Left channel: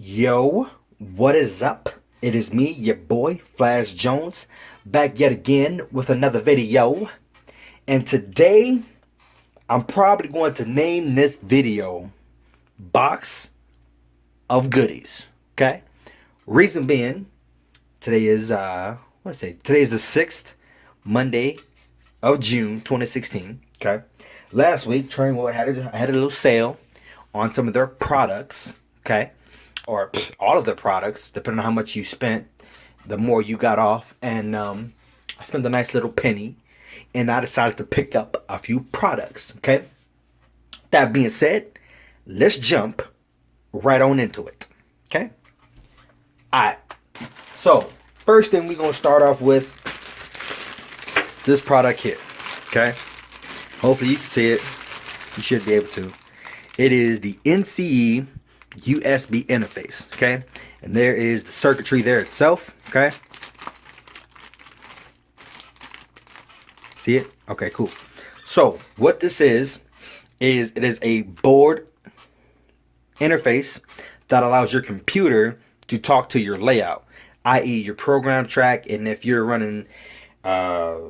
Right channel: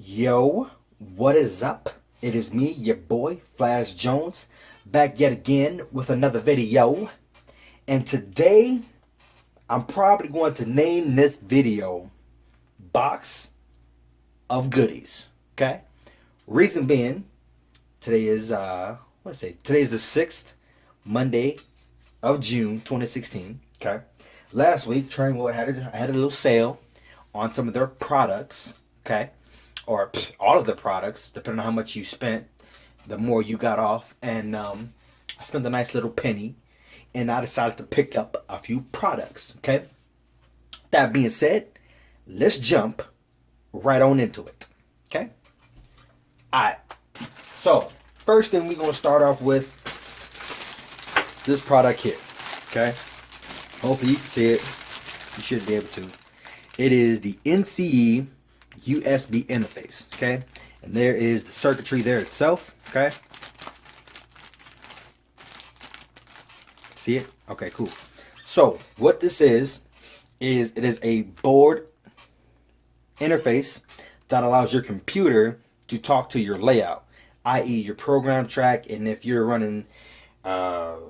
Yo, what is up? It is me, your boy, Flash Jones, back yet again with another video. And today, I'm probably going to name this video Box of Goodies. Okay? Reason being, today is, Today is the 6th Monday of June 2016. Okay? Last week, Trainwood had a little sale on some of their products. Okay? Or all of the products, depending on how much you spent, the more you got off. And I spent a nice little penny, and I decided to pick up a few products. Okay. That being said, let's jump right on into it. Okay. All right. So first thing we're gonna start off with this product here. Okay. Hopefully you can see it. You should be able to. It is the NCE USB interface, okay? And there is the circuitry there itself, okay? See it? Okay, cool. So what this is it is a board interface that allows your computer to talk to your layout, i.e. your program track, and if you're running, what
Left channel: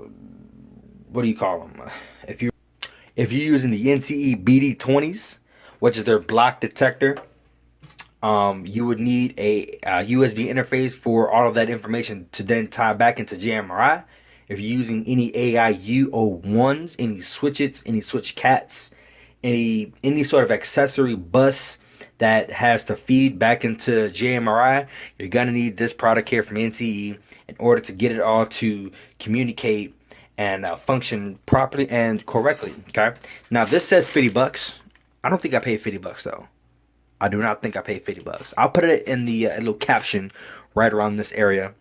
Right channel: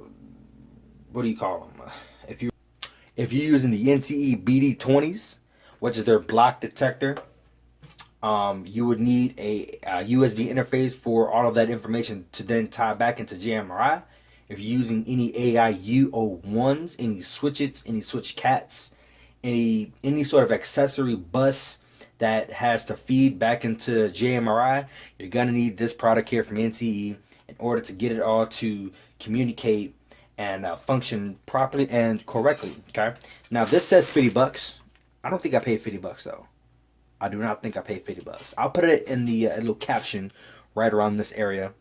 do you call them? If you're using the NCE BD20s, which is their block detector, you would need a USB interface for all of that information to then tie back into JMRI. If you're using any AIUO1s, any switches, any switch cats, any sort of accessory bus that has to feed back into JMRI, you're gonna need this product here from NCE in order to get it all to communicate and function properly and correctly. Okay. Now this says 50 bucks. I don't think I paid 50 bucks though. I do not think I paid 50 bucks. I'll put it in the little caption right around this area,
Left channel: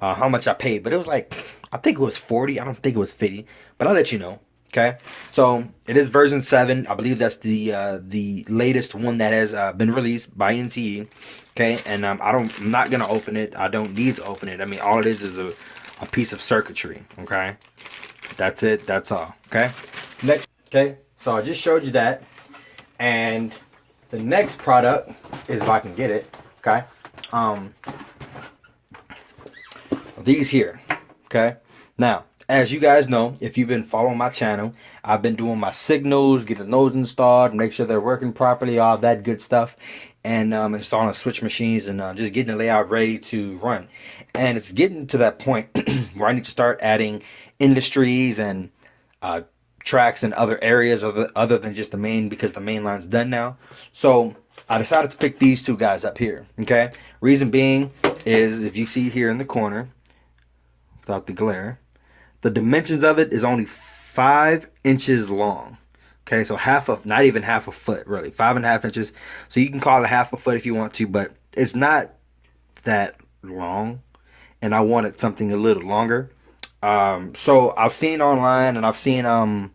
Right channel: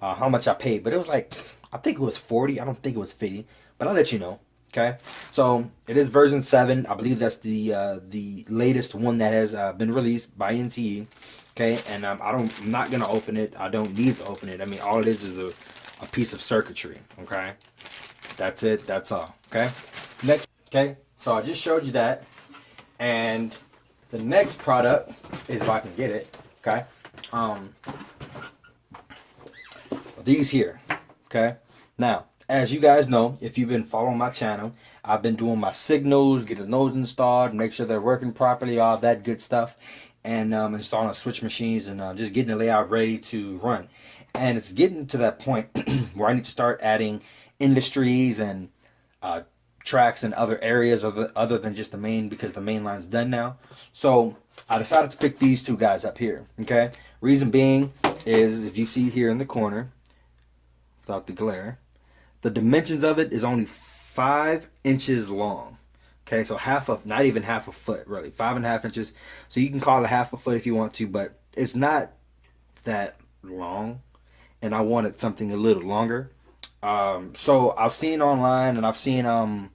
how much I paid. But it was like, I think it was 40. I don't think it was 50, but I'll let you know. Okay. So it is version 7. I believe that's the latest one that has been released by NCE. Okay. And I'm not going to open it. I don't need to open it. I mean, all it is a piece of circuitry. Okay. That's it. That's all. Okay. Next. Okay. So I just showed you that. And the next product is, if I can get it, okay, these here, okay. Now, as you guys know, if you've been following my channel, I've been doing my signals, getting those installed, make sure they're working properly, all that good stuff, and installing switch machines and just getting the layout ready to run. And it's getting to that point where I need to start adding industries and tracks in other areas other than just the main, because the main line's done now. So I decided to pick these two guys up here. Okay. Reason being is, if you see here in the corner, without the glare, the dimensions of it is only 5 inches long. Okay, so not even half a foot, really, 5.5 inches. So you can call it half a foot if you want to, but it's not that long, and I wanted something a little longer. So I've seen online, and I've seen on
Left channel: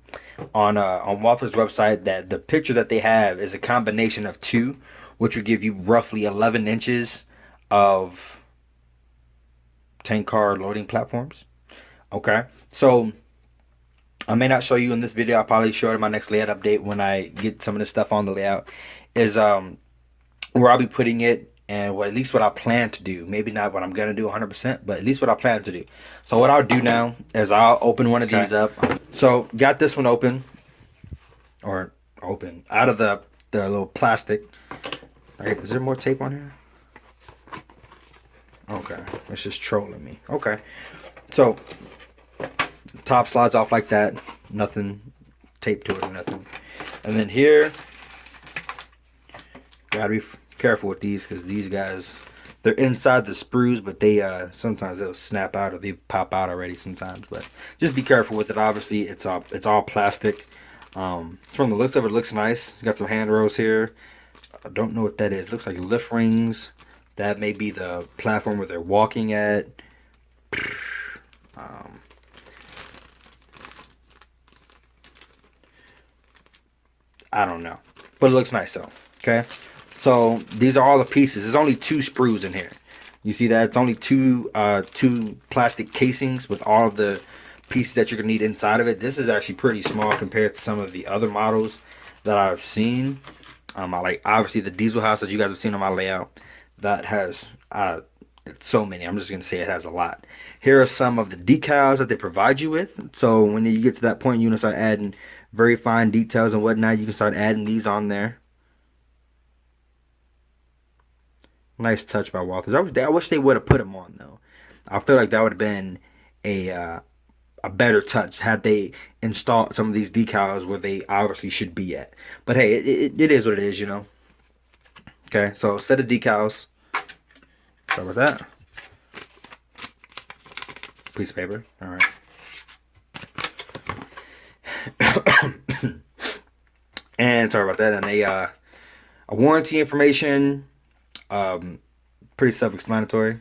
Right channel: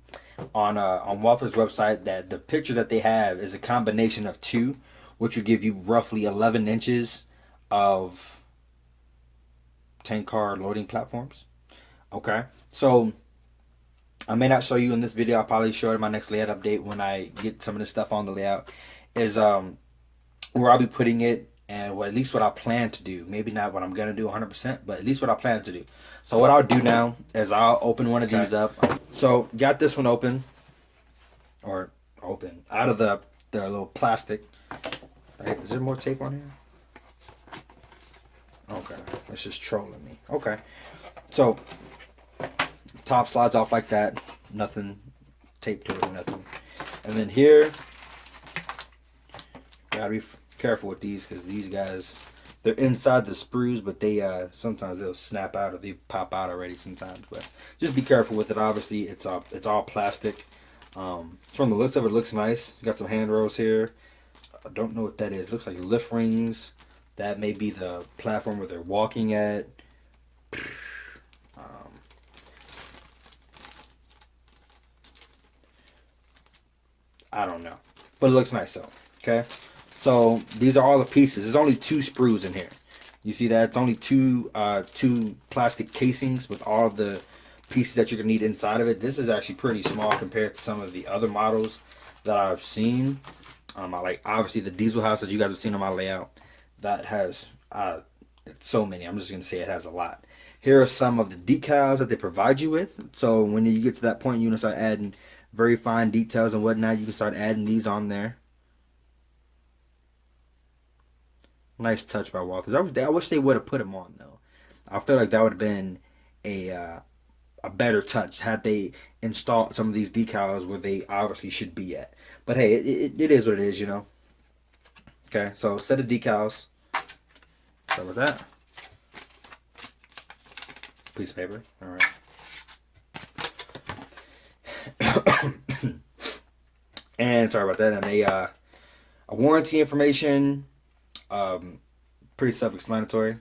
Walther's website, that the picture that they have is a combination of two, which would give you roughly 11 inches of tank car loading platforms. Okay, so I may not show you in this video. I'll probably show it in my next layout update when I get some of this stuff on the layout. Is where I'll be putting it, and at least what I plan to do. Maybe not what I'm gonna do 100%, but at least what I plan to do. So what I'll do now is I'll open one of these up. So got this one open, or open out of the little plastic. Right? Is there more tape on here? Okay, it's just trolling me. Okay, so top slides off like that. Nothing taped to it or nothing. And then here, gotta be careful with these, because these guys, they're inside the sprues, but they sometimes they'll snap out, or they pop out already sometimes. But just be careful with it. Obviously it's all plastic. From the looks of it, looks nice. Got some handrails here. I don't know what that is. Looks like lift rings. That may be the platform where they're walking at. I don't know, but it looks nice though. Okay, so these are all the pieces. There's only 2 sprues in here. You see that? It's only two plastic casings with all of the pieces that you're gonna need inside of it. This is actually pretty small compared to some of the other models that I've seen. I like, obviously, the diesel house that you guys have seen on my layout. that has so many. I'm just gonna say it has a lot. Here are some of the decals that they provide you with. So when you get to that point, you want to start adding very fine details and whatnot. You can start adding these on there. Nice touch by Walters. I wish they would have put them on though. I feel like that would have been a uh, a better touch had they installed some of these decals where they obviously should be at. But hey, it is what it is, you know. Okay, so set of decals. Start with that. Piece of paper. All right. And sorry about that. And a warranty information. Pretty self-explanatory.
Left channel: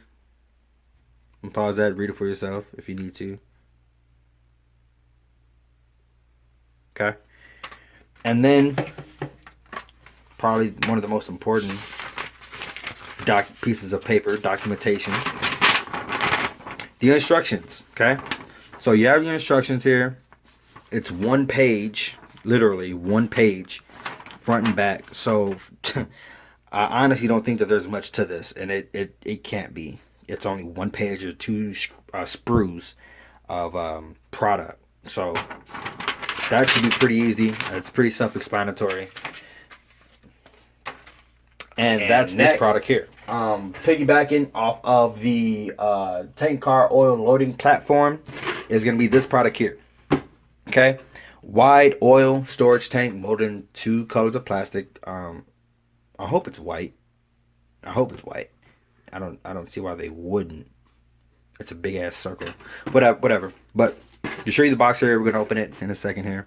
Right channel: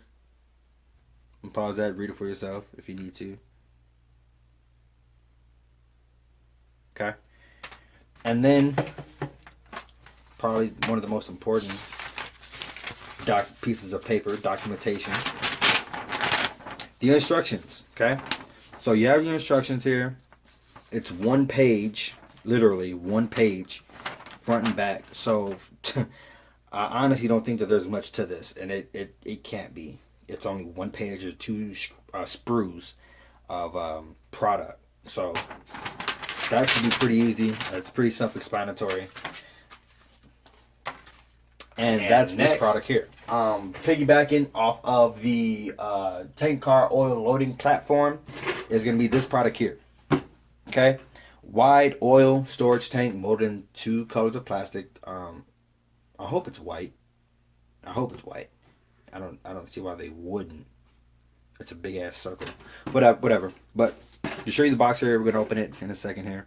Pause that. Read it for yourself if you need to. Okay. And then probably one of the most important pieces of paper, documentation. The instructions. Okay. So you have your instructions here. It's one page, literally one page, front and back. So I honestly don't think that there's much to this, and it can't be. It's only one page or two sprues of product. So that should be pretty easy. It's pretty self-explanatory. And that's next, this product here. Piggybacking off of the tank car oil loading platform is going to be this product here. Okay, wide oil storage tank molded in 2 colors of plastic. I hope it's white. I hope it's white. I don't see why they wouldn't. It's a big ass circle. Whatever. But to show you the box here, we're gonna open it in a second here.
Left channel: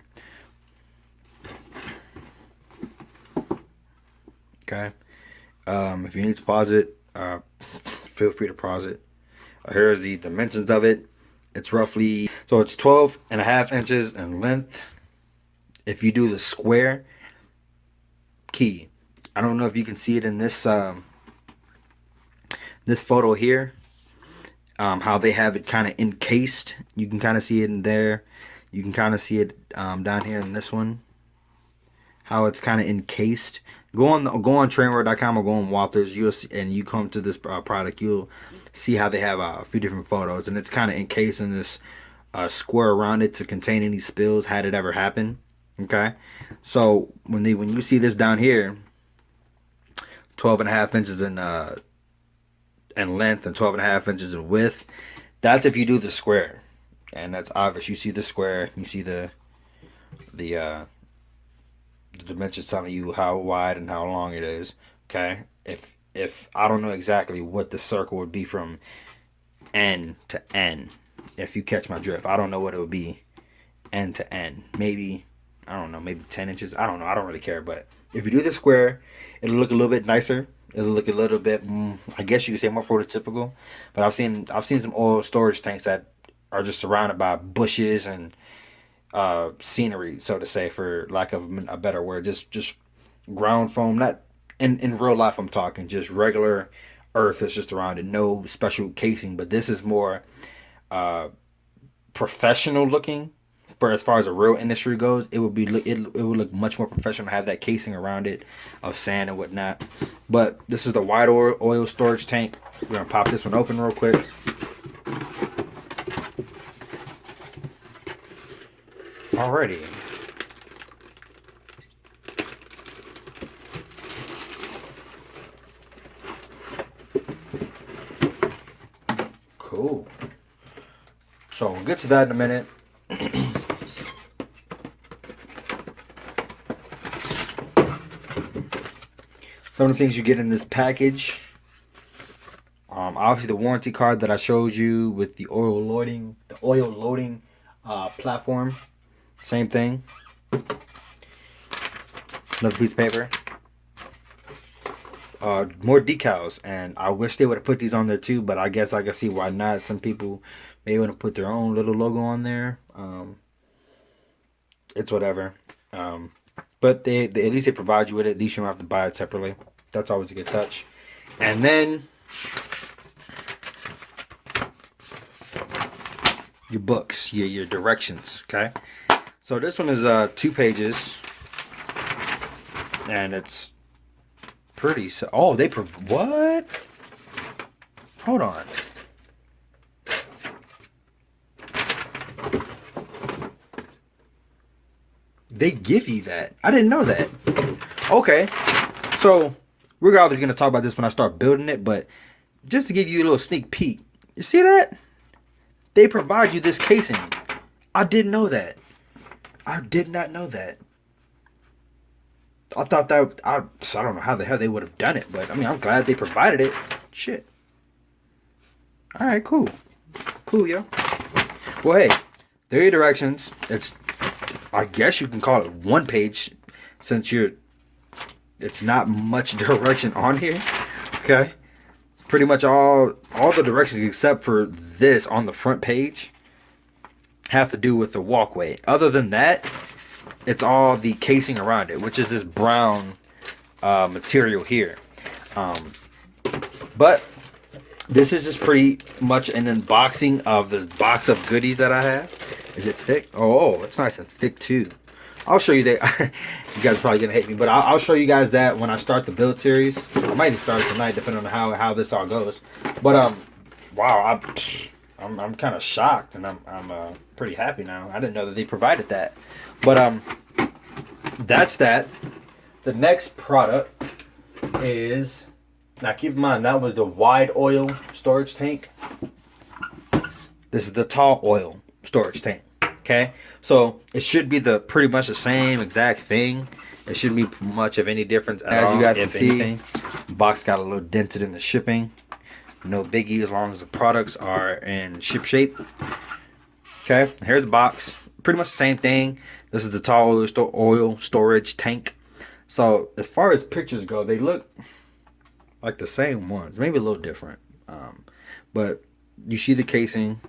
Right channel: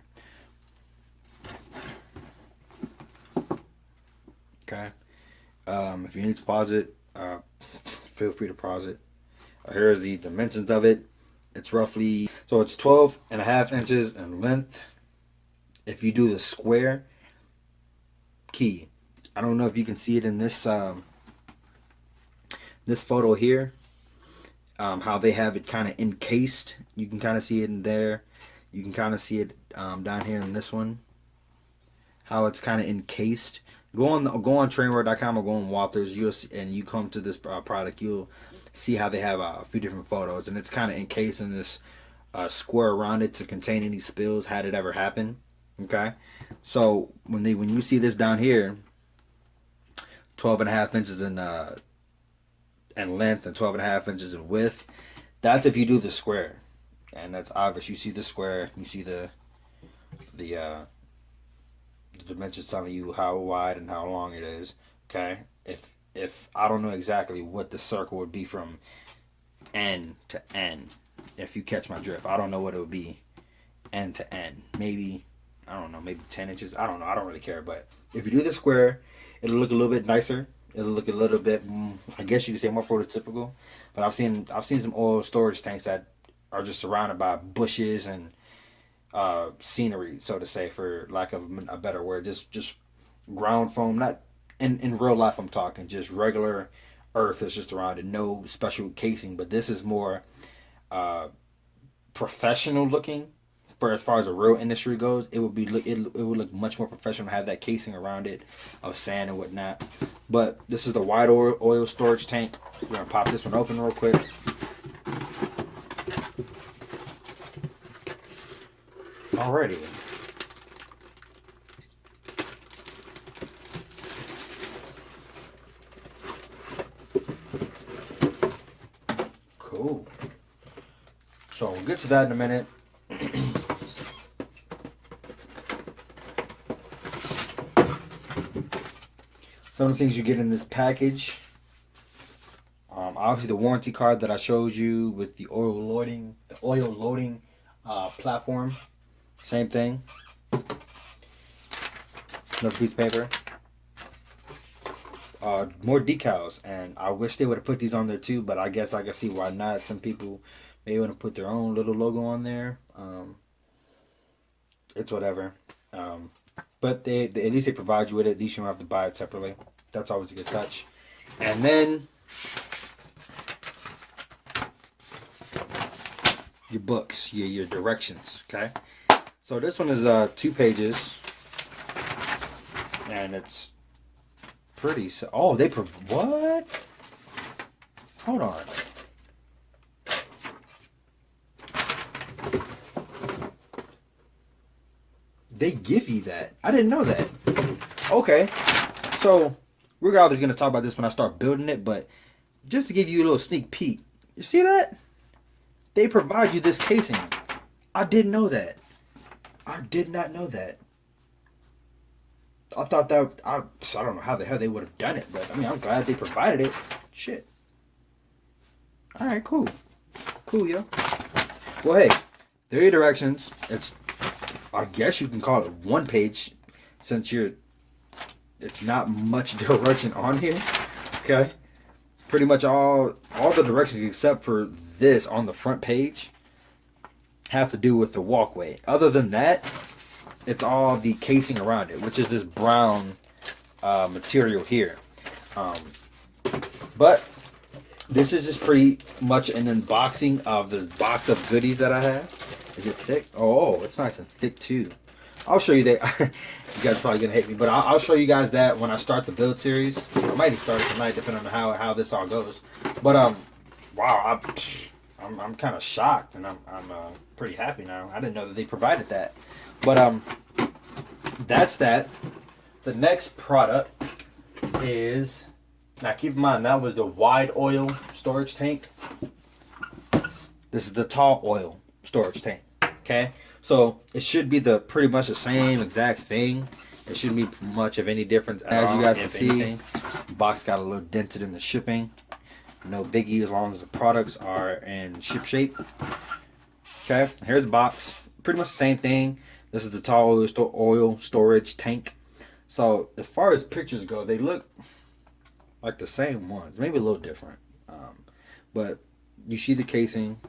Okay. If you need to pause it, feel free to pause it. Here's the dimensions of it. It's roughly, so it's 12.5 inches in length. If you do the square key, I don't know if you can see it in this this photo here. How they have it kind of encased. You can kind of see it in there. You can kind of see it down here in this one. How it's kind of encased. Go on trainwear.com or go on Walters. And you come to this product. You'll see how they have a few different photos, and it's kind of encased in this square around it to contain any spills had it ever happen. Okay, so when you see this down here, 12.5 inches in length and 12.5 inches in width. That's if you do the square, and that's obvious. You see the square. You see the dimensions telling you how wide and how long it is. Okay, if I don't know exactly what the circle would be from end to end, if you catch my drift, I don't know what it would be end to end. Maybe, I don't know, maybe 10 inches. I don't know. I don't really care. But if you do the square, it'll look a little bit nicer. It'll look a little bit, I guess you could say, more prototypical. But I've seen some oil storage tanks that are just surrounded by bushes and scenery, so to say, for lack of a better word. Just ground foam. Not in real life, I'm talking just regular earth is just around it. No special casing. But this is more professional looking. For as far as the real industry goes, it would look much more professional to have that casing around it of sand and whatnot. But this is the wide oil storage tank. We're gonna pop this one open real quick. Alrighty. Cool. So we'll get to that in a minute. Some of the things you get in this package. Obviously the warranty card that I showed you with the oil loading platform. Same thing. Another piece of paper. More decals, and I wish they would have put these on there too, but I guess I can see why not. Some people may want to put their own little logo on there. It's whatever. But they at least they provide you with it. At least you don't have to buy it separately. That's always a good touch. And then your books, your directions. Okay. So this one is 2 pages, and it's pretty. Oh, what? Hold on. They give you that. I didn't know that. Okay. So, we're obviously going to talk about this when I start building it, but just to give you a little sneak peek. You see that? They provide you this casing. I didn't know that. I did not know that. I thought that... I don't know how the hell they would have done it, but I mean, I'm glad they provided it. Shit. Alright, cool. Cool, yo. Well, hey, there are your directions. It's... I guess you can call it one page, since it's not much direction on here. Okay, pretty much all the directions except for this on the front page have to do with the walkway. Other than that, it's all the casing around it, which is this brown material here. But this is just pretty much an unboxing of this box of goodies that I have. Is it thick? Oh, it's nice and thick too. I'll show you that. You guys are probably gonna hate me, but I'll show you guys that when I start the build series. I might even start it tonight, depending on how this all goes. But wow, I'm kind of shocked, and I'm pretty happy now. I didn't know that they provided that. But that's that. The next product is, now keep in mind that was the wide oil storage tank. This is the tall oil storage tank. Okay, so it should be pretty much the same exact thing. It shouldn't be much of any difference at all. As you guys can see, the box got a little dented in the shipping. No biggie as long as the products are in ship shape. Okay, here's the box. Pretty much the same thing. This is the tall oil storage tank. So as far as pictures go, they look like the same ones, maybe a little different. But you see the casing.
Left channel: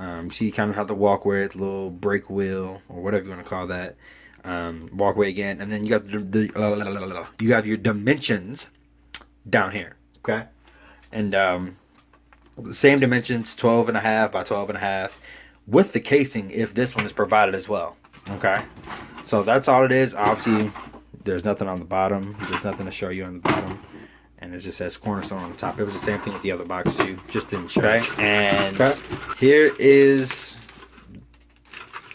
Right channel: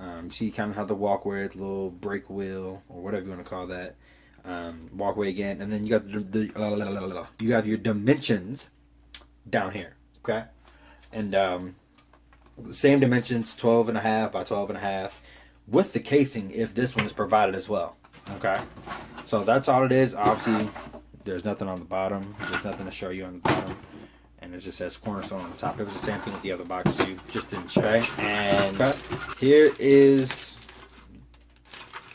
You see kind of how the walkway, the little brake wheel or whatever you want to call that, walkway again, and then you got you have your dimensions down here, okay, and same dimensions, 12.5 by 12.5, with the casing if this one is provided as well. Okay, so that's all it is. Obviously, there's nothing on the bottom. There's nothing to show you on the bottom. And it just says Cornerstone on the top. It was the same thing with the other box too. Just didn't show. Okay. And here is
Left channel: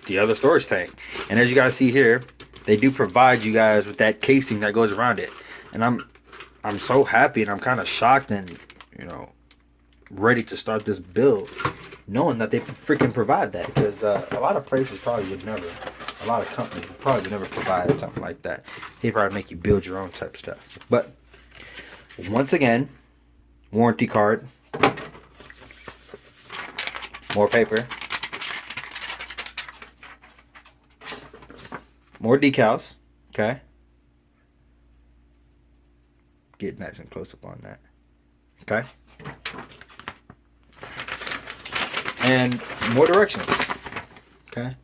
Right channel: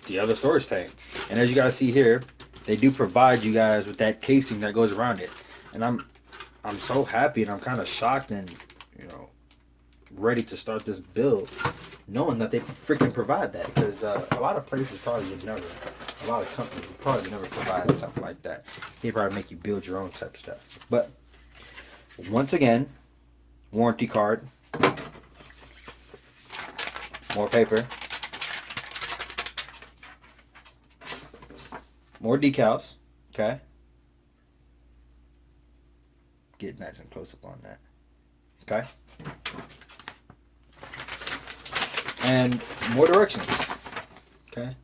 the other storage tank. And as you guys see here, they do provide you guys with that casing that goes around it. And I'm so happy, and I'm kind of shocked and, you know, ready to start this build, knowing that they freaking provide that. Because a lot of places probably would never. A lot of companies would probably never provide something like that. They probably make you build your own type of stuff. But once again, warranty card, more paper, more decals. Okay, get nice and close up on that. Okay, and more directions. Okay,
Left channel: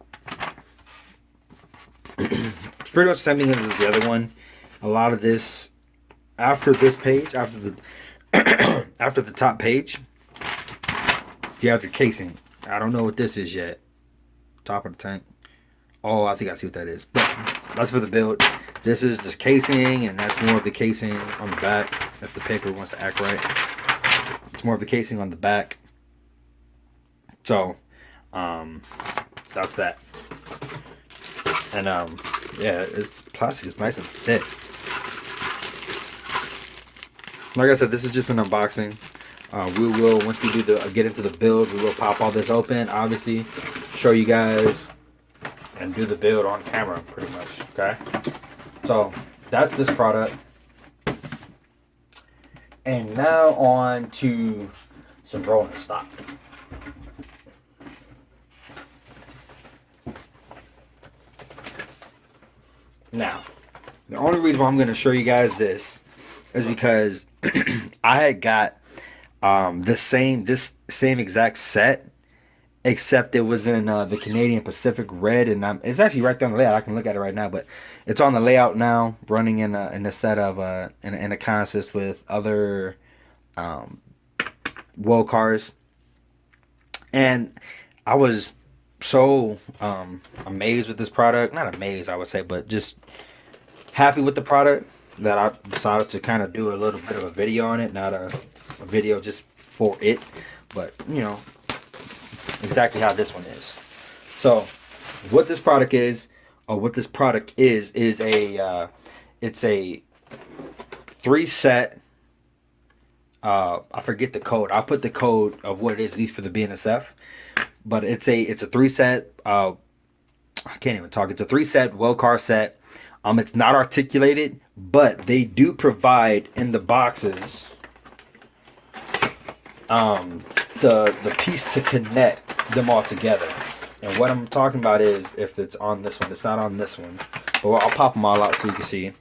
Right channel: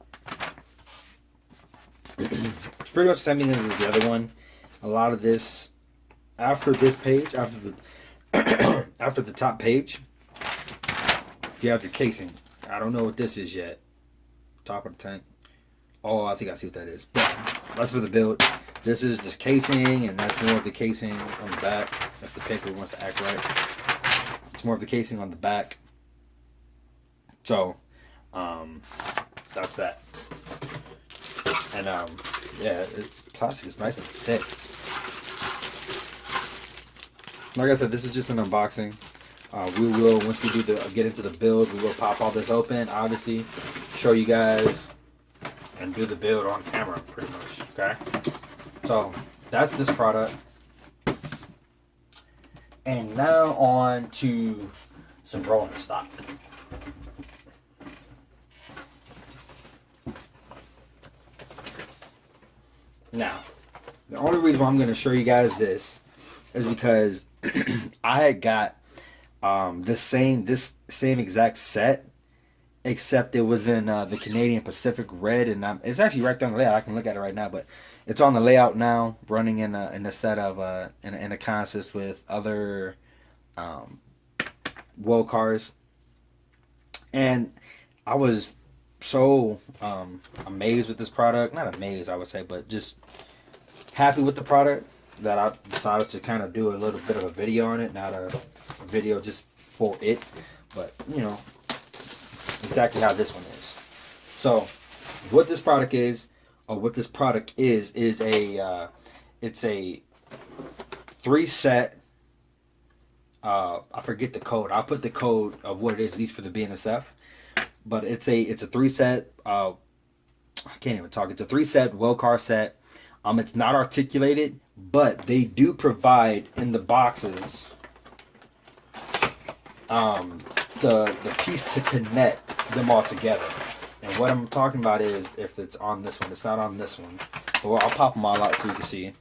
it's pretty much the same thing as the other one. A lot of this. After this page, after the after the top page, you have your casing. I don't know what this is yet. Top of the tank. Oh, I think I see what that is. But that's for the build. This is just casing, and that's more of the casing on the back. If the paper wants to act right, it's more of the casing on the back. So, that's that. And yeah, it's plastic. It's nice and thick. Like I said, this is just an unboxing. We will, once we do get into the build, we will pop all this open, obviously, show you guys, and do the build on camera, pretty much, okay? So, that's this product. And now on to some rolling stock. Now, the only reason why I'm going to show you guys this is because I had got this same exact set, except it was in the Canadian Pacific red, and it's actually right there on the layout. I can look at it right now, but it's on the layout now, running in a set of in a consist with other woe cars, and I was so amazed with this product. Not amazed, I would say, but just happy with the product, that I decided to kind of do a little bit of a video on it. Not a video just for it, but you know exactly how this one is. So what this product is, or what this product is a it's a 3-set. I forget the code. I'll put the code of what it is, at least for the BNSF. But it's a 3-set. I can't even talk. It's a 3-set well car set. It's not articulated, but they do provide in the boxes the piece to connect them all together. And what I'm talking about is if it's on this one. It's not on this one. But I'll pop them all out so you can see.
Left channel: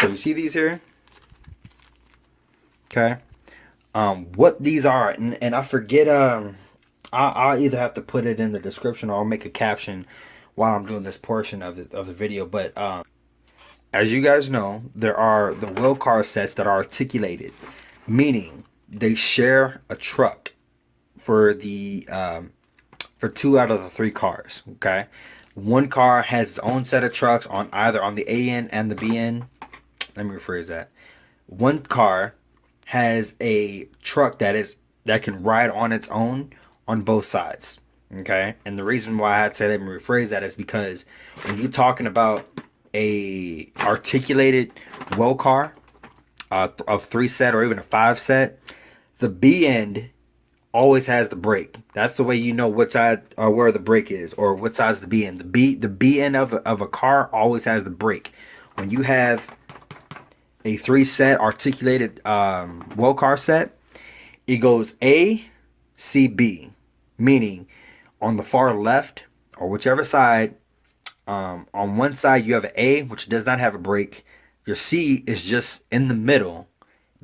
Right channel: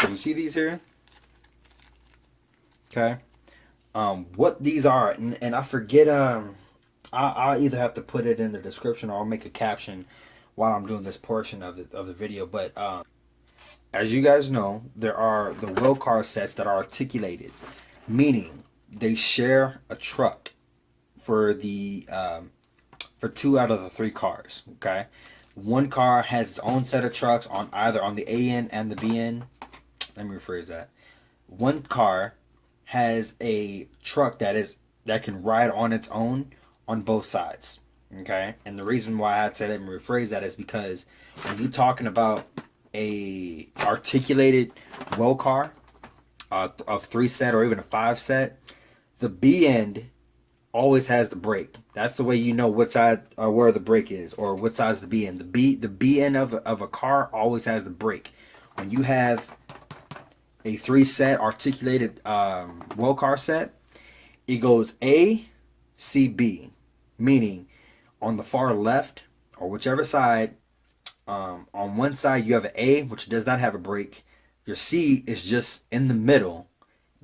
So you see these here? Okay. What these are, and I forget, I'll either have to put it in the description or I'll make a caption while I'm doing this portion of the video. But as you guys know, there are the wheel car sets that are articulated, meaning they share a truck for the for 2 out of the 3 cars. Okay, one car has its own set of trucks on either on the A end and the B end. Let me rephrase that. One car has a truck that can ride on its own on both sides. Okay, and the reason why I had to say, let me rephrase that, is because when you're talking about a articulated well car of 3-set or even a 5-set, the B end always has the brake. That's the way you know what side or where the brake is, or what side's the B end. The B end of a car always has the brake. When you have a 3-set articulated well car set, it goes A, C, B, meaning on the far left or whichever side, on one side you have an A, which does not have a brake. Your C is just in the middle.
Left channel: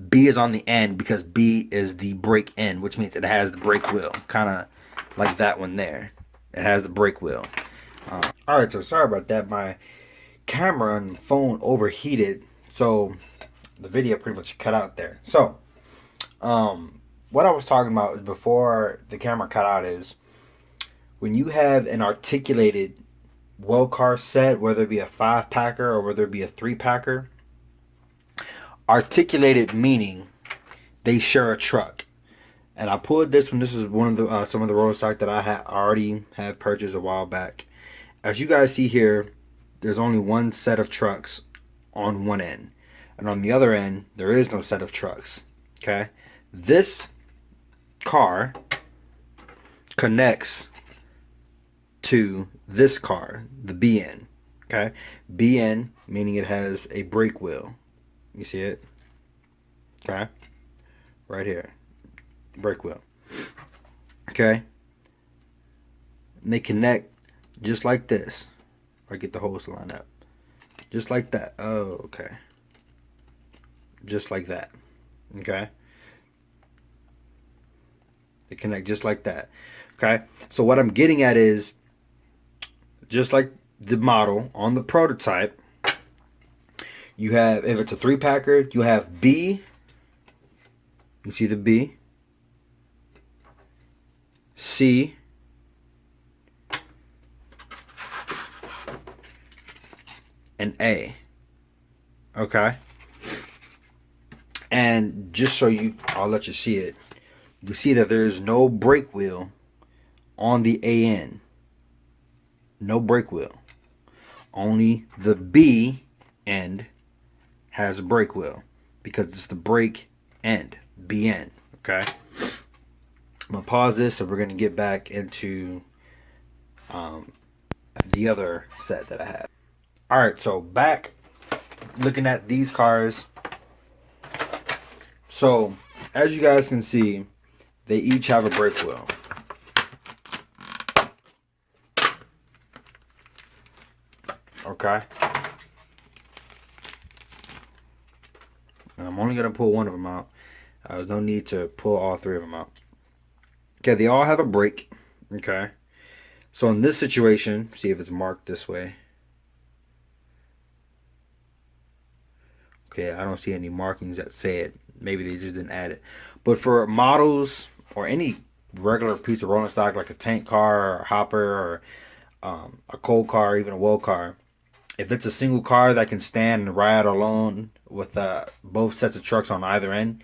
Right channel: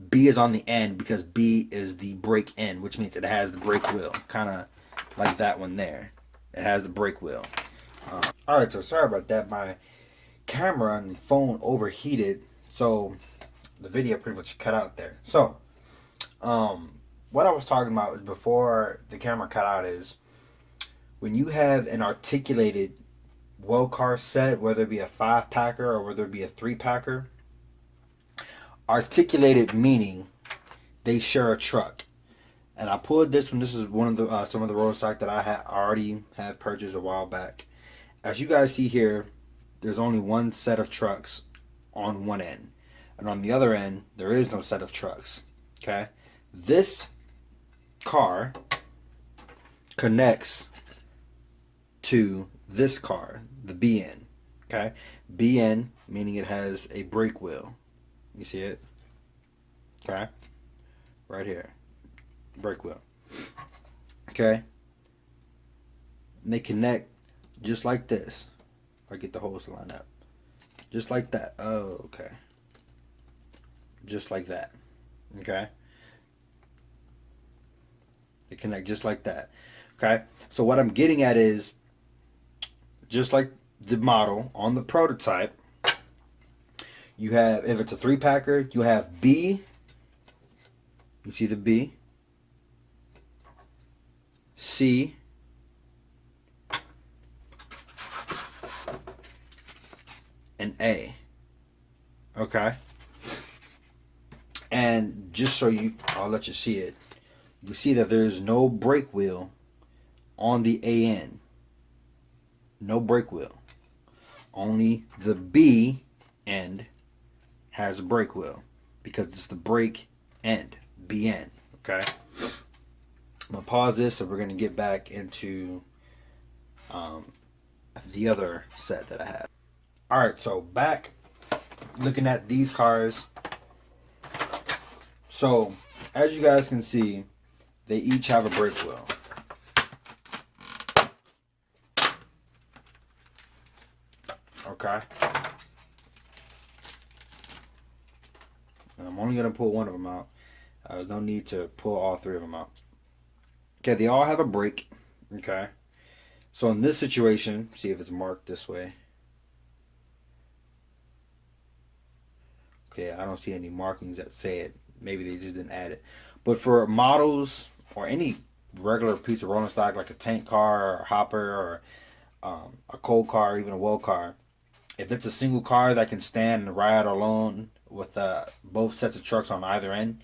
B is on the end because B is the brake end, which means it has the brake wheel, kind of like that one there. It has the brake wheel. All right, so sorry about that. My camera and phone overheated, so the video pretty much cut out there. So what I was talking about before the camera cut out is when you have an articulated well car set, whether it be a 5-packer or whether it be a 3-packer, articulated meaning they share a truck. And I pulled this one. This is one of the some of the road stock that I already have purchased a while back. As you guys see here, there's only one set of trucks on one end, and on the other end there is no set of trucks. Okay, this car connects to this car, the B end. Okay, B end meaning it has a brake wheel. You see it? Okay, right here, brake wheel. Okay, and they connect just like this. Or get the hose to line up, just like that. Oh, okay, just like that. Okay, they connect just like that. Okay, so what I'm getting at is, just like the model on the prototype, you have, if it's a 3-packer, you have B. You see the B, C, and A. Okay, and just so I'll let you see it. You see that there's no brake wheel on the A end. No brake wheel. Only the B end has a brake wheel because it's the brake end, B end. Okay, I'm gonna pause this and we're gonna get back into the other set that I have. All right, so back looking at these cars. So as you guys can see, they each have a brake wheel. Okay, and I'm only gonna pull one of them out. There's no need to pull all 3 of them out. Okay, they all have a brake. Okay, so in this situation, see if it's marked this way. Okay, I don't see any markings that say it. Maybe they just didn't add it. But for models or any regular piece of rolling stock like a tank car or a hopper or a coal car, even a wool car. If it's a single car that can stand and ride alone with both sets of trucks on either end,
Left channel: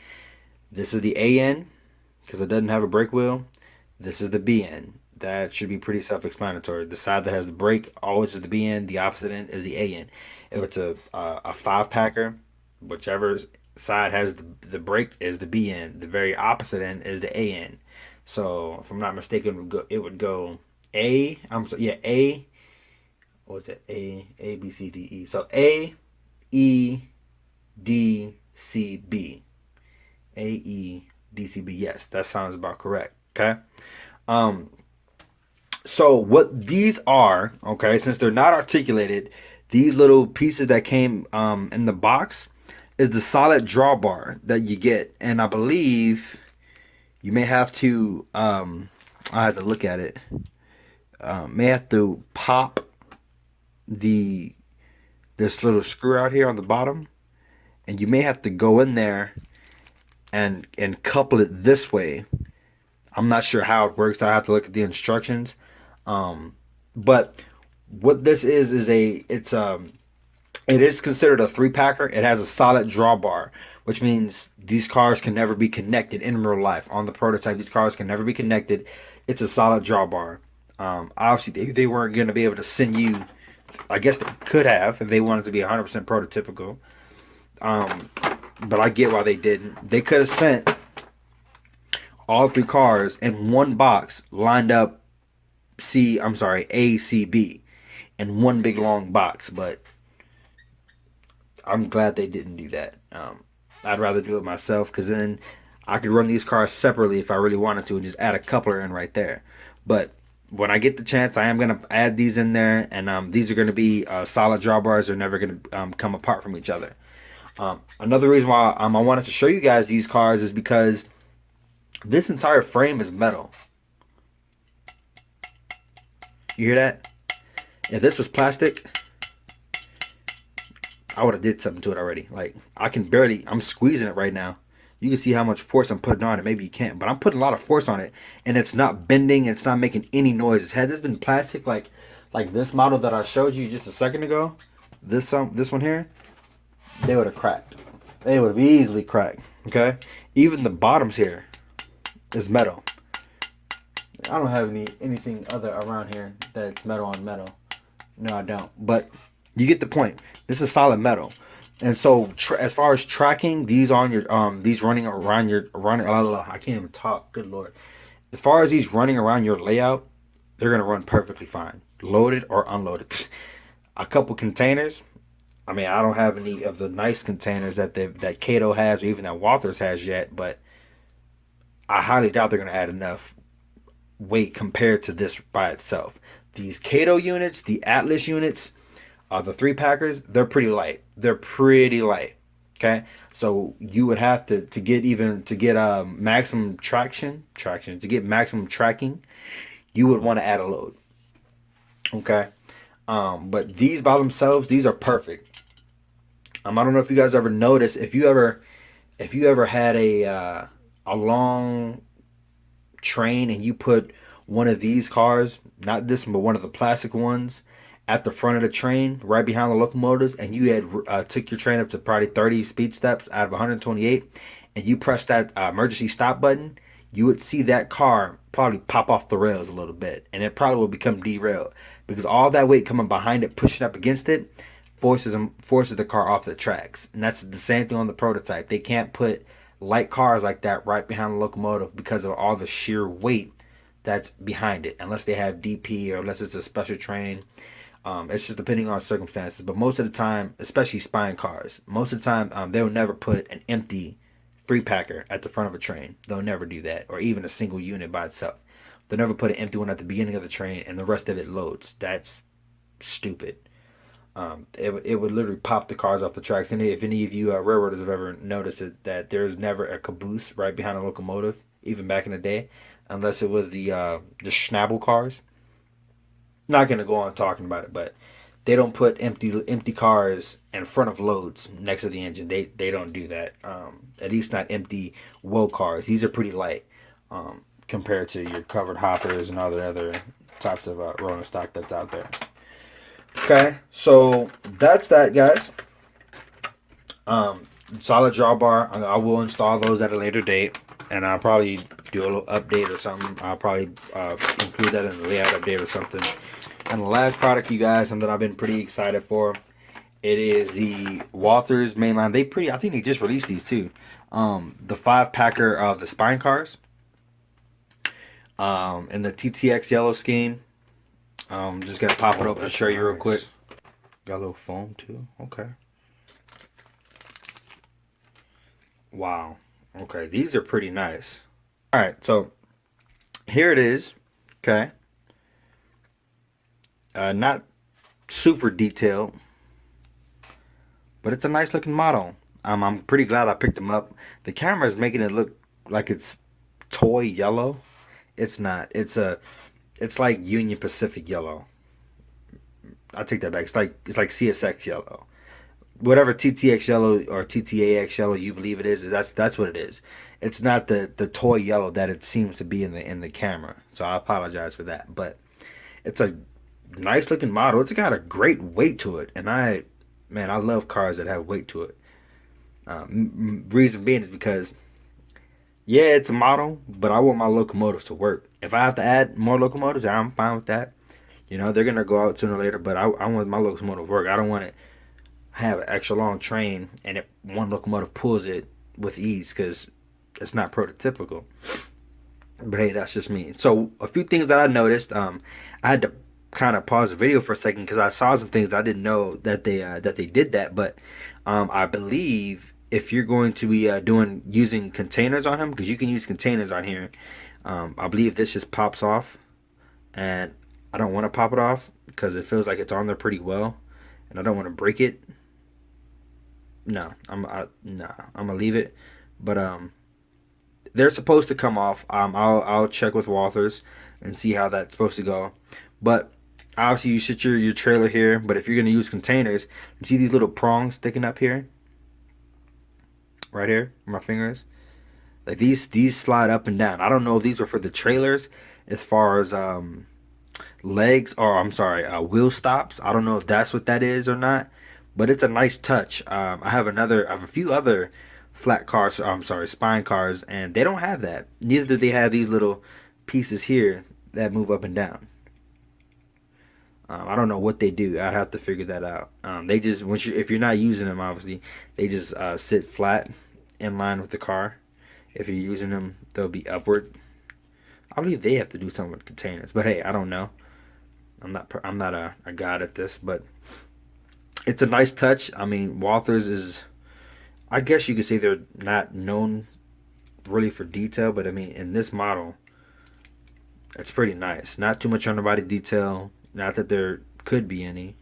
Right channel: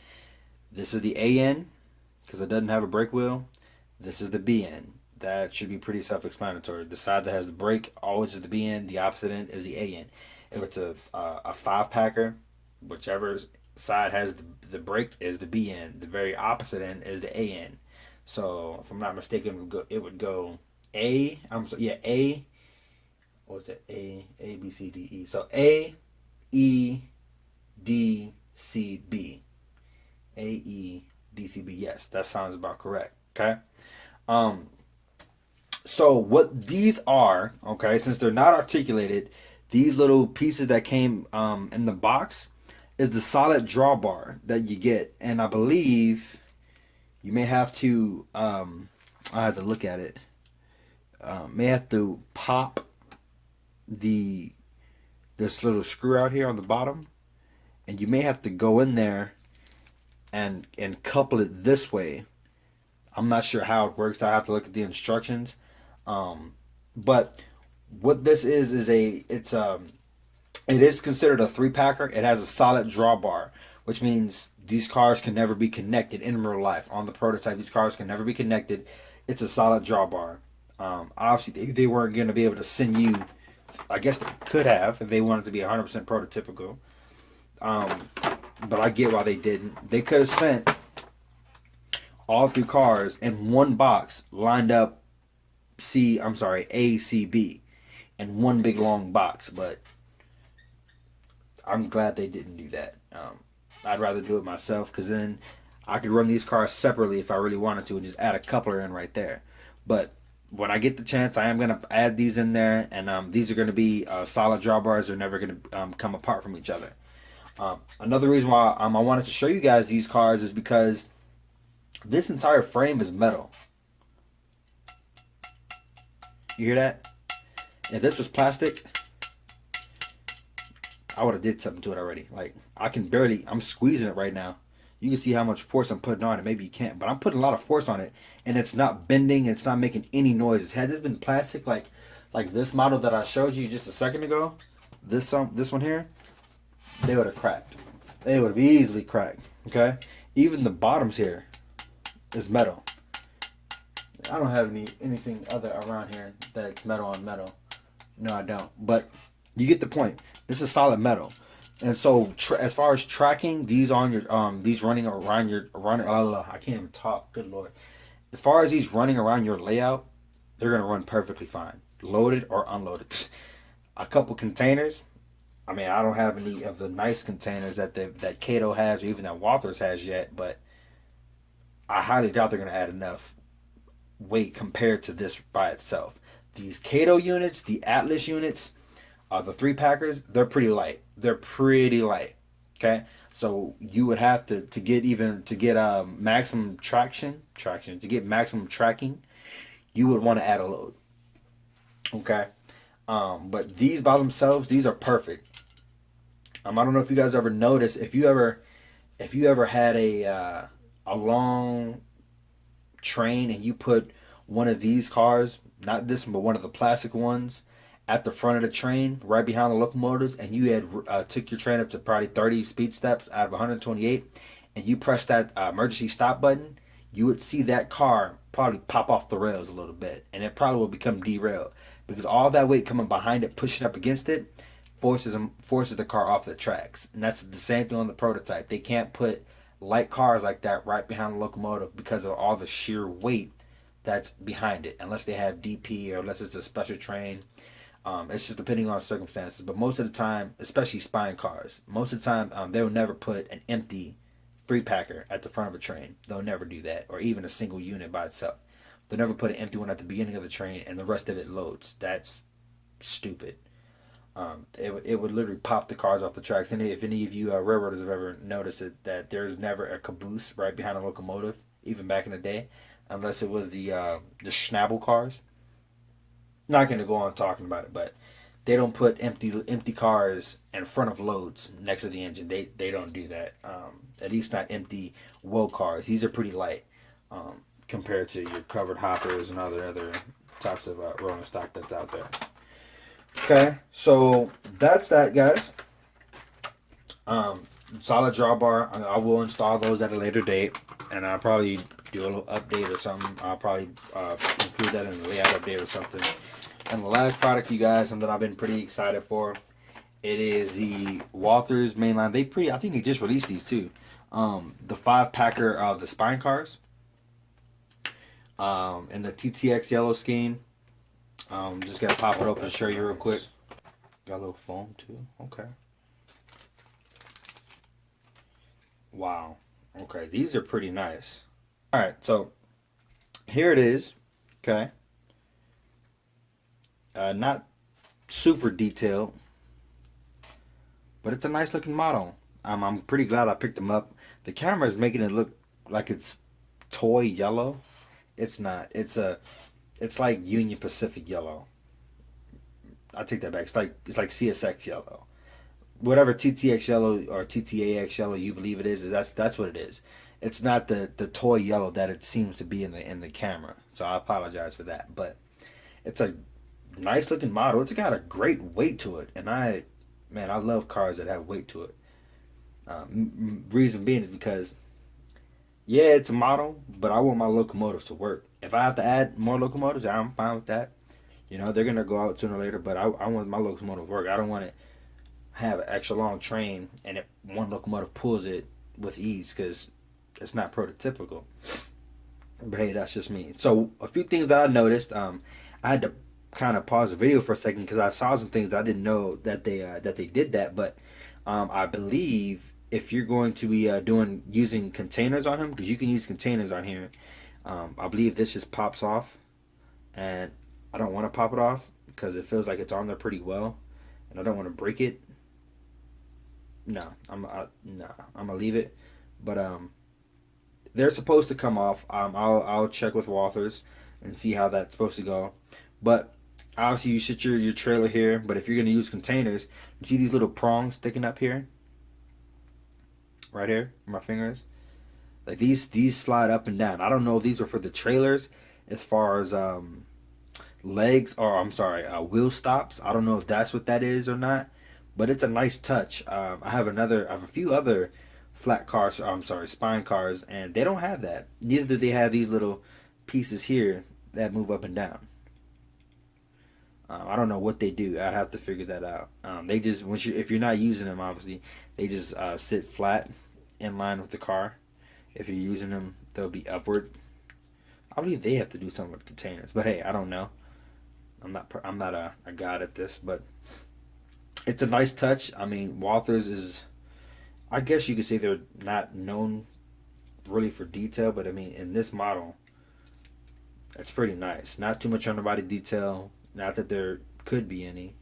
this is the A end because it doesn't have a brake wheel. This is the B end. That should be pretty self-explanatory. The side that has the brake always is the B end. The opposite end is the A end. If it's a five packer, whichever side has the brake is the B end. The very opposite end is the A end. So if I'm not mistaken, it would go A. I'm so yeah A. What's it? A B C D E. So A E D C B. A E D C B. Yes, that sounds about correct. Okay. Um, so what these are, okay, since they're not articulated, these little pieces that came in the box is the solid drawbar that you get, and I believe you may have to I have to look at it. May have to pop the this little screw out here on the bottom, and you may have to go in there and couple it this way. I'm not sure how it works. I have to look at the instructions. But what this is it is considered a three packer. It has a solid drawbar, which means these cars can never be connected in real life. On the prototype, these cars can never be connected. It's a solid drawbar. Obviously, they weren't going to be able to send you. I guess they could have if they wanted to be 100% prototypical. Um, but I get why they didn't. They could have sent all three cars in one box lined up A, C, B in one big long box, but I'm glad they didn't do that. I'd rather do it myself because then I could run these cars separately if I really wanted to and just add a coupler in right there. But when I get the chance, I am going to add these in there, and these are going to be solid drawbars. They're never going to come apart from each other. Another reason why I wanted to show you guys these cars is because this entire frame is metal. You hear that? If this was plastic, I would have did something to it already. Like, I'm squeezing it right now. You can see how much force I'm putting on it. Maybe you can't, but I'm putting a lot of force on it, and it's not bending. It's not making any noise. Had this been plastic, like this model that I showed you just a second ago, this one here, they would have cracked. They would have easily cracked. Okay, even the bottoms here is metal. I don't have anything other around here that's metal on metal. No, I don't. But you get the point. This is solid metal. And so, as far as tracking, these on your these running around your I can't even talk. Good lord. As far as these running around your layout, they're gonna run perfectly fine, loaded or unloaded. A couple containers. I mean, I don't have any of the nice containers that Kato has or even that Walthers has yet, but I highly doubt they're gonna add enough weight compared to this by itself. These Kato units, the Atlas units, the three packers, they're pretty light. They're pretty light. Okay, so you would have to get maximum to get maximum tracking, you would want to add a load. Okay, but these by themselves, these are perfect. I don't know if you guys ever noticed if you ever had a long train and you put one of these cars, not this one, but one of the plastic ones, at the front of the train, right behind the locomotives, and you had took your train up to probably 30 speed steps out of 128, and you press that emergency stop button, you would see that car probably pop off the rails a little bit, and it probably will become derailed because all that weight coming behind it, pushing up against it, forces the car off the tracks. And that's the same thing on the prototype. They can't put light cars like that right behind the locomotive because of all the sheer weight that's behind it, unless they have DP or unless it's a special train. It's just depending on circumstances. But most of the time, especially spine cars, most of the time they'll never put an empty three packer at the front of a train. They'll never do that, or even a single unit by itself. They'll never put an empty one at the beginning of the train and the rest of it loads. That's stupid. It would literally pop the cars off the tracks. And if any of you railroaders have ever noticed it, that there's never a caboose right behind a locomotive, even back in the day, unless it was the Schnabel cars. Not gonna go on talking about it, but they don't put empty cars in front of loads next to the engine. They don't do that. At least not empty wool cars. These are pretty light. compared to your covered hoppers and other types of rolling stock that's out there. Okay, so that's that, guys. Solid drawbar. I will install those at a later date, and I'll probably do a little update or something. I'll probably include that in the layout update or something. And the last product, you guys, something I've been pretty excited for. It is the Walthers mainline. I think they just released these too. The 5-packer of the spine cars. In the TTX yellow scheme. Just gonna pop it up and show you real quick. Got a little foam too. Okay. Wow. Okay, these are pretty nice. All right, so here it is. Okay. Not super detailed, but it's a nice looking model. I'm pretty glad I picked them up. The camera is making it look like it's toy yellow. It's not. It's like Union Pacific yellow. I take that back. It's like CSX yellow. Whatever TTX yellow or TTAX yellow you believe it is that's what it is. It's not the toy yellow that it seems to be in the camera. So I apologize for that. But it's a nice looking model. It's got a great weight to it, and I love cars that have weight to it. Reason being is because yeah, it's a model, but I want my locomotives to work. If I have to add more locomotives, I'm fine with that. You know, they're gonna go out sooner or later, but I want my locomotive to work. I don't want to have an extra long train and if one locomotive pulls it with ease, because it's not prototypical. But hey, that's just me. So a few things that I noticed, I had to kind of pause the video for a second because I saw some things I didn't know that they did that. But I believe if you're going to be using containers on him, because you can use containers on here, I believe this just pops off, and I don't want to pop it off because it feels like it's on there pretty well, and I don't want to break it. No, I'm gonna leave it, but they're supposed to come off. I'll check with Walthers and see how that's supposed to go, but obviously you sit your trailer here. But if you're gonna use containers, you see these little prongs sticking up here, right here, where my fingers, like these slide up and down. I don't know if these are for the trailers as far as legs, or I'm sorry, wheel stops. I don't know if that's what that is or not. But it's a nice touch. I have a few other flat cars. I'm sorry, spine cars, and they don't have that. Neither do they have these little pieces here that move up and down. I don't know what they do. I'd have to figure that out. They just if you're not using them, obviously, they just sit flat in line with the car. If you're using them, they'll be upward. I believe they have to do something with containers, but hey, I don't know. I'm not a god at this, but it's a nice touch. I mean, Walthers is, I guess you could say they're not known really for detail, but I mean, in this model, it's pretty nice. Not too much underbody detail. Not that there could be any,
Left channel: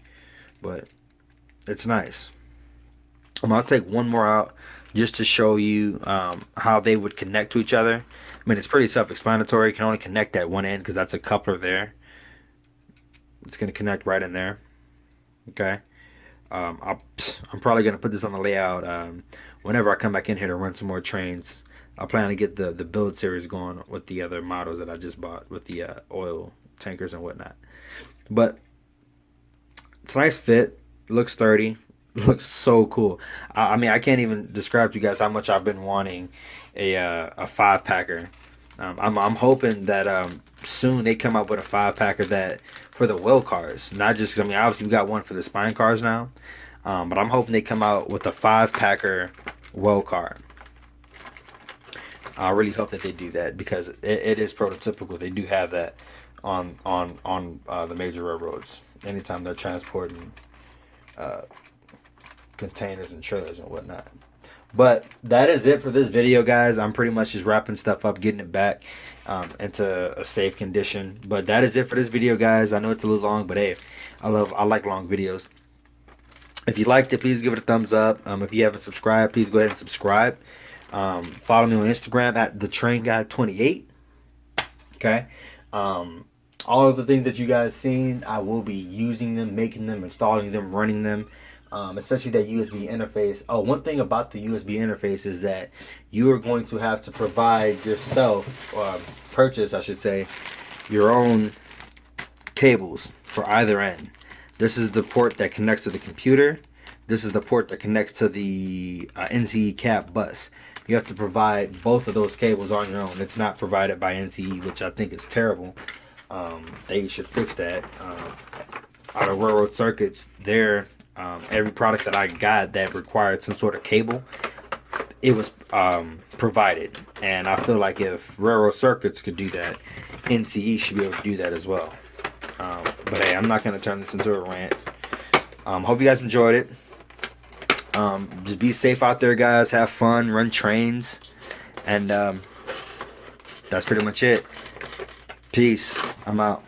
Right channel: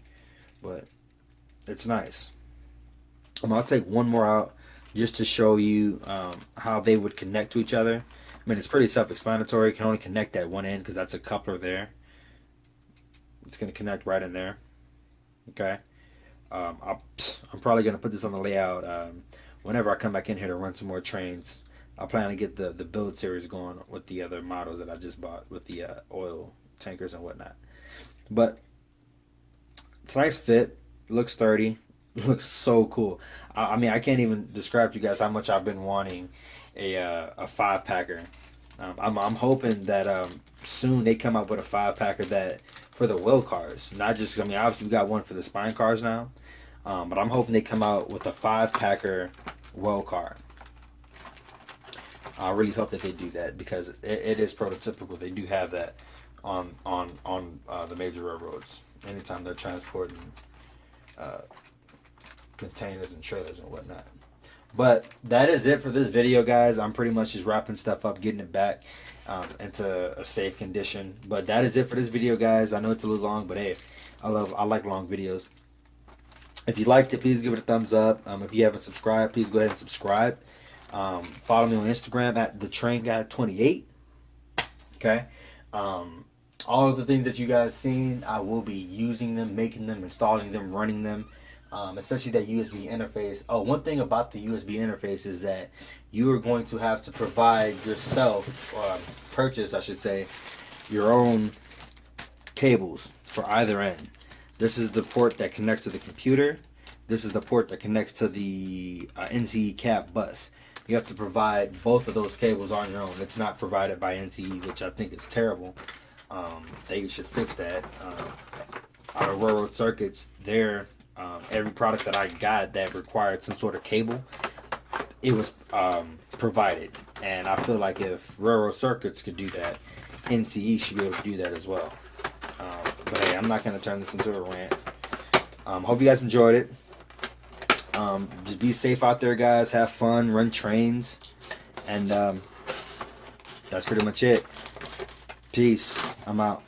but it's nice. I'll take one more out just to show you how they would connect to each other. I mean, it's pretty self-explanatory. You can only connect at one end because that's a coupler there. It's going to connect right in there. Okay. I'm probably going to put this on the layout whenever I come back in here to run some more trains. I plan to get the build series going with the other models that I just bought with the oil tankers and whatnot. But it's a nice fit. Looks sturdy. Looks so cool. I mean, I can't even describe to you guys how much I've been wanting a 5-packer. I'm hoping that soon they come up with a 5-packer that for the well cars, not just. I mean, obviously we got one for the spine cars now, but I'm hoping they come out with a 5-packer well car. I really hope that they do that because it is prototypical. They do have that on the major railroads anytime they're transporting containers and trailers and whatnot. But that is it for this video, guys. I'm pretty much just wrapping stuff up, getting it back into a safe condition. But that is it for this video, guys. I know it's a little long, but hey, I like long videos. If you liked it, please give it a thumbs up. If you haven't subscribed, please go ahead and subscribe. Follow me on Instagram at thetrainguy28. Okay. All of the things that you guys seen, I will be using them, making them, installing them, running them. especially that USB interface. Oh, one thing about the USB interface is that you are going to have to provide yourself, purchase, I should say, your own cables for either end. This is the port that connects to the computer. This is the port that connects to the NCE cap bus. You have to provide both of those cables on your own. It's not provided by NCE, which I think is terrible. They should fix that. Out of Railroad Circuits, every product that I got that required some sort of cable, it was provided. And I feel like if Railroad Circuits could do that, NCE should be able to do that as well. But hey, I'm not going to turn this into a rant. Hope you guys enjoyed it. Just be safe out there, guys. Have fun. Run trains. And that's pretty much it. Peace. I'm out.